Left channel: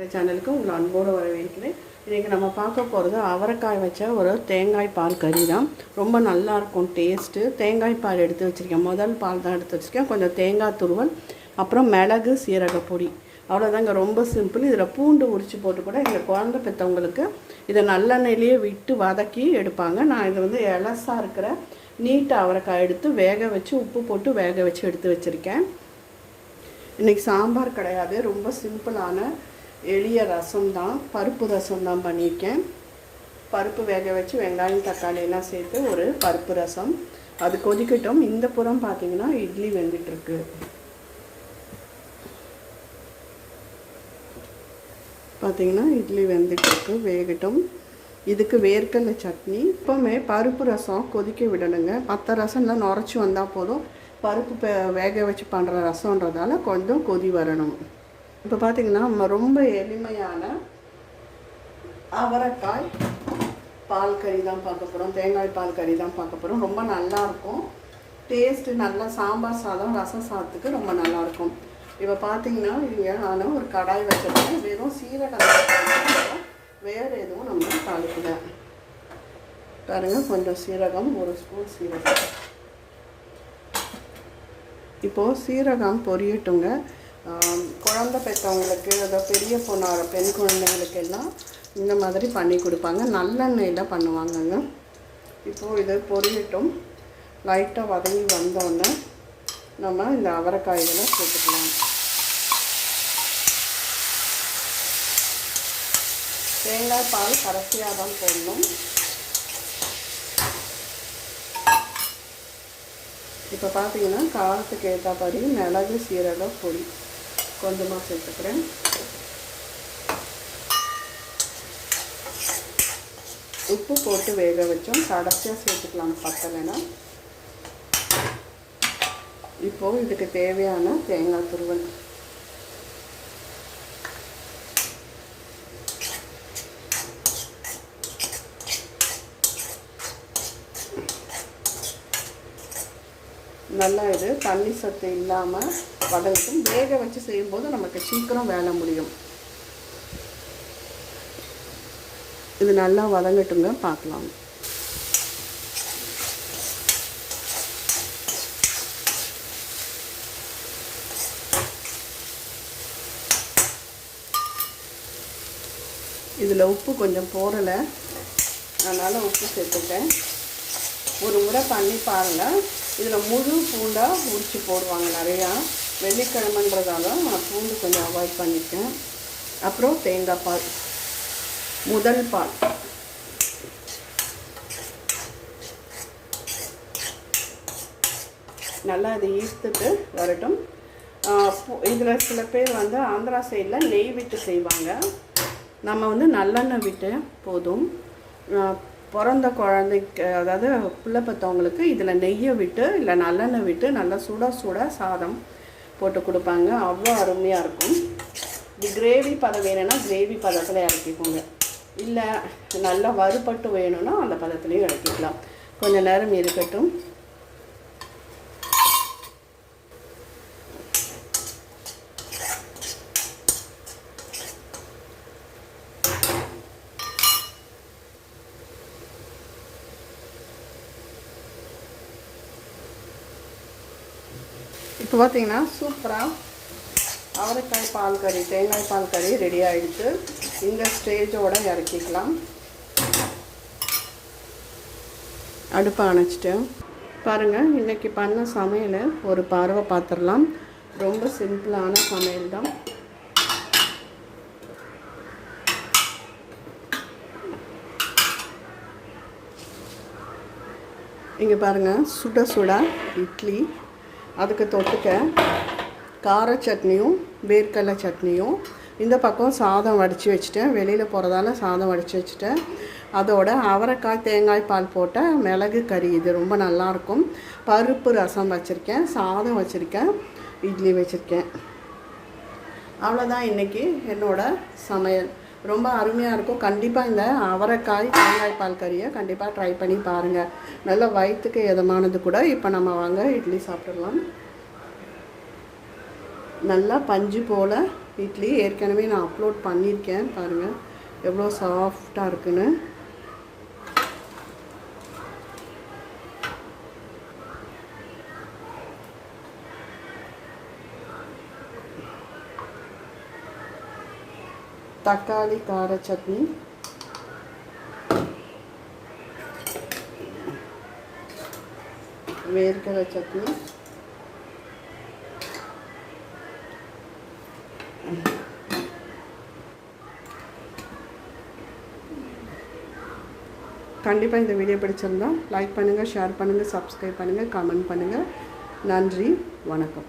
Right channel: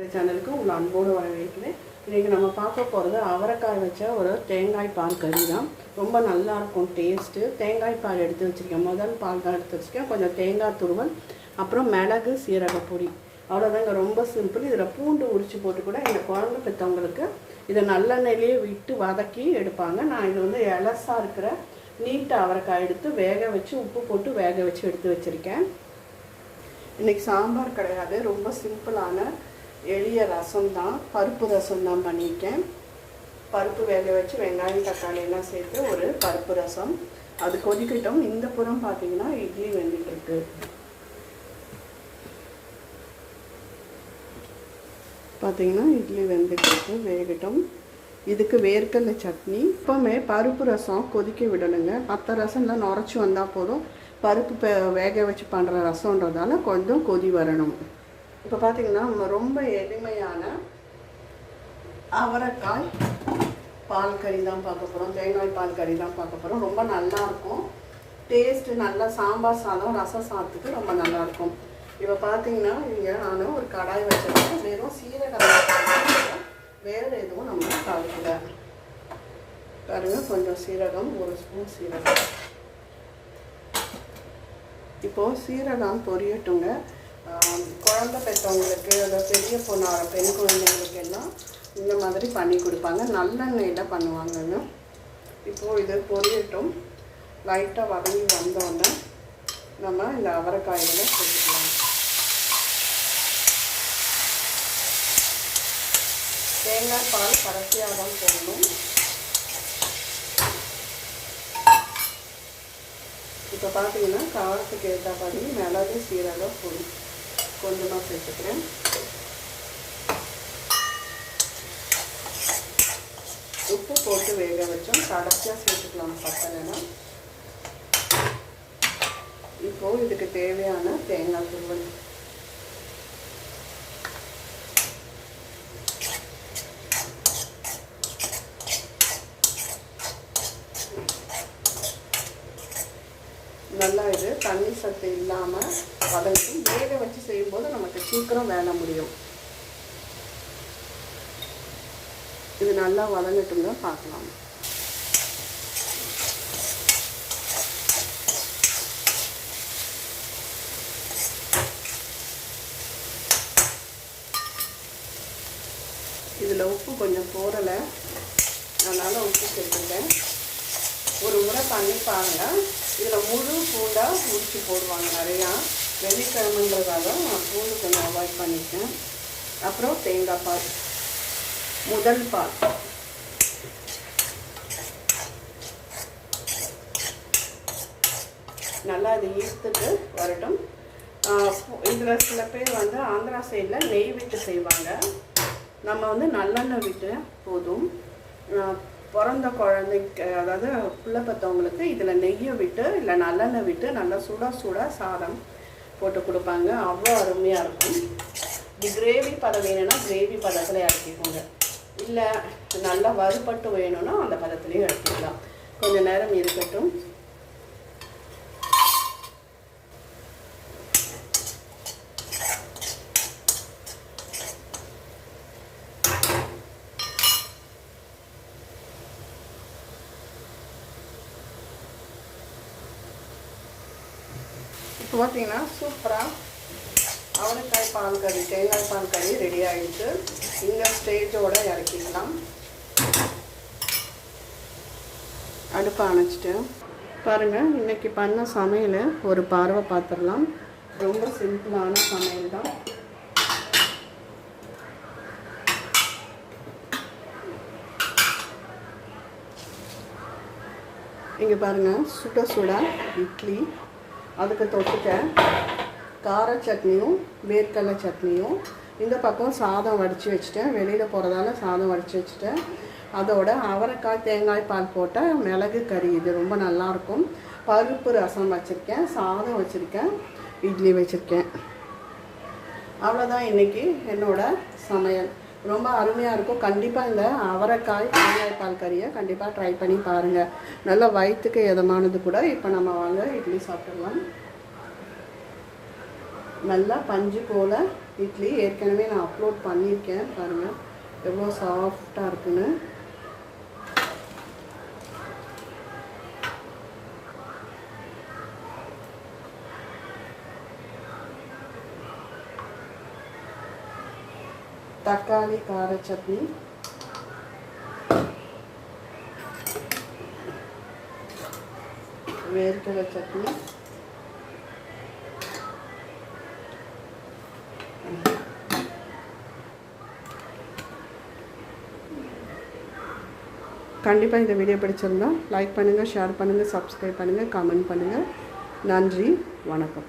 சேனலுக்கு உங்களை அன்போடு வரவேற்கிறேன். இன்றைக்கி நம்ம பார்க்க போகிறது அவரைக்காய் வச்ச ஒரு தேங்காய் பால் கறி தான். ரொம்ப நல்லாயிருக்கும் டேஸ்ட்டு தேங்காய் பால் எடுத்து வச்சுருக்கேன். முதல் பால் தான் எடுத்து வச்சுருக்கேன். கொஞ்சம் தேங்காய் துருவல் அப்புறம் மிளகு சீரக பொடி. அவ்வளோதாங்க ரொம்ப சிம்பிள் இதில் பூண்டு உரித்து போட்டு கூட இந்த குழந்தை பெற்றவங்களுக்கு இதை நல்லெண்ணெயிலேயே விட்டு வதக்கி எடுப்பாங்க. நான் இது வந்து எலசாக இருக்கிற நீட்டு அவரைக்காய் எடுத்து வேக வச்சு உப்பு போட்டு வேக வச்சு எடுத்து வச்சுருக்கேன். இன்றைக்கி சாம்பார் கிடையாது. ரொம்ப சிம்பிளான எளிய ரசம் தான் பருப்பு ரசம் தான் பண்ணியிருக்கேன். பருப்பு வேக வச்சு வெங்காயம் தக்காளியெல்லாம் சேர்த்து ஒரு பருப்பு ரசம். அது கொதிக்கட்டும். இந்த புறம் பார்த்தீங்கன்னா இட்லி வெந்துட்டுருக்கு. பார்த்தீங்கன்னா இட்லி வெந்துட்டுருக்கு வேகட்டும். இதுக்கு வேர்க்கடலை சட்னி. இப்போவுமே பருப்பு ரசம் கொதிக்க விடணுங்க. மற்ற ரசம்லாம் நுரைச்சி வந்தால் போதும். பருப்பு வேக வச்சு பண்ணுற ரசம்ன்றதால கொஞ்சம் கொதி வரணும். இப்போ பார்த்தீங்கன்னா நம்ம ரொம்ப எளிமையான அவரைக்காய் பால் கறி தான் பார்க்க போகிறோம் தேங்காய் பால் கறி தான் பார்க்க போகிறோம் ரொம்ப நல்லாயிருக்கும் டேஸ்ட்டு நல்லா சாம்பார் சாதம் ரசம் சாதத்துக்கு ரொம்ப நல்லா இருக்கும். இப்போ பார்த்தீங்கன்னா இங்கே நான் ஒரு கடாய் வச்சிருக்கேன். வெறும் சீரகம் வேறு எதுவும் நம்ம தாளிக்கல. பாருங்க கொஞ்சம் சீரகம் ஒரு ஸ்பூன் சீரகம். இப்போது சீரகம் பொரியட்டுங்க. குழந்த பெற்றவங்களுக்கு அதை பெரிய பொண்ணு பெண் குழந்தைங்களுக்கு எல்லாம் இந்த மாதிரி பண்ணி கொடுப்பாங்க. நல்லெண்ணெயில் பண்ணுவாங்கங்க. இப்போது இது பொரியட்டும். லைட்டாக வதங்கி வந்தோடனே நம்ம இந்த அவரைக்காய்களை சேர்த்துக்கலாம். தேங்காய் பால் கடைசியாக தான் போடணும். இப்போ பார்த்தீங்கன்னா காரத்துக்கு ஏற்றபடி மிளகு சீரகம் பொடி கொஞ்சமாக சேர்த்துக்கிறேன். உப்பு போட்டு வேக வச்சோம். கடைசியாக சேர்த்துக்கலாம் பத்தலைன்னா. இப்போது இதுக்கு தேவையான தேங்காய் துருவல். நல்லா இது தண்ணி சத்து இல்லாமல் வதக்கும் வேக வச்சு செய்யும்போது நமக்கு சீக்கிரம் வேலை முடியும். இது நல்லா வதங்கட்டுங்க பார்க்கலாம். இதில் உப்பு கொஞ்சம் போடலை. அதனால் உப்பு சேர்த்துட்டேன். ஒரு முறை பண்ணி பாருங்கள் இதில் முழு பூண்டாக உரிச்சு போடுவாங்க நிறையா. வெள்ளிக்கிழமைன்றதால நான் பூண்டு கொஞ்சம் அவாய்ட் பண்ணிட்டேன். அப்புறம் தேங்காய் பால். முதல் பால். நல்லா அதை ஈர்த்துட்டு வரட்டும். இதில் சில பேர் வந்து ஆந்திரா சைடில் நெய் விட்டு செய்வாங்க. நம்ம வந்து நல்லெண்ணெய் விட்டு போதும். பிறந்த குழந்தைக்கு அதாவது பிள்ளை பெற்றவங்களுக்கு இதில் நெய்யை விட்டு இல்லை நல்லெண்ணெய் விட்டு நல்லா சுட சுட சாதம் போட்டு கொடுப்பாங்க. அவ்வளோ அருமையாக இருக்கும். இது கிரேவி பதம் வேணும்னா கிரேவி பதத்தில் இறக்கிக்கோங்க. இல்லை நல்லா வறுபட்டு வேணும்னா அந்த பதத்துலேயும் இறக்கிக்கலாம். கொஞ்சம் நேரம் இருக்கட்டும். இப்போ பார்த்தீங்கன்னா சூப்பராக அவரைக்காய் பால் கறி தேங்காய் பால் கறி ரெடி ஆகிடுச்சு இந்த ஸ்டேஜோடு இறக்கிக்கலாம். அடுப்பை அணைச்சிட்டு. பாருங்கள் இன்னைக்கு பண்ண சமையலை ஒரு பார்வை பார்த்துடலாம். ரொம்ப சிம்பிளான சமையல் தான். இங்கே பாருங்கள் சுட சுட இட்லி. அதுக்கு தொட்டுக்க கார சட்னியும் வேர்க்கடலை சட்னியும் இந்த பக்கம் சாதம் வடித்து வச்சுட்டேன். வெளியில் போகிறதால சாதம் வடித்து வச்சுட்டேன். அதோட அவரைக்காய் தேங்காய் பால் போட்டால் மிளகு கறி இது ரொம்ப நல்லாயிருக்கும். பருப்பு ரசம் வச்சுருக்கேன் சாதம் வச்சுருக்கேன் இட்லி வச்சுருக்கேன். அவ்வளோதான் இன்றைக்கி என்னோடய சமையல். ரொம்ப அருமையாக இருக்கும். கண்டிப்பாக இந்த அவரைக்காய் தேங்காய் பால் கறியை கண்டிப்பாக ட்ரை பண்ணி பாருங்கள் நல்ல வயிற்றுக்கு எதமானது கூட. இப்போ நம்ம வாங்க இட்லி சாப்பிட்டுடலாம் நல்லா பஞ்சு போல் இட்லி. ஏற்கனவே நான் அப்லோட் பண்ணியிருக்கேன். பாருங்கள் எவ்வளோ சாஃப்டாக இருக்குன்னு. தக்காளி கார சட்னி. வேர்க்கடலை சட்னி. கண்டிப்பாக இந்த வீடியோ பிடிச்சிருந்தா லைக் பண்ணுங்கள் ஷேர் பண்ணுங்கள் சப்ஸ்கிரைப் பண்ணுங்கள் கமெண்ட் பண்ணுங்கள் நன்றி வணக்கம்.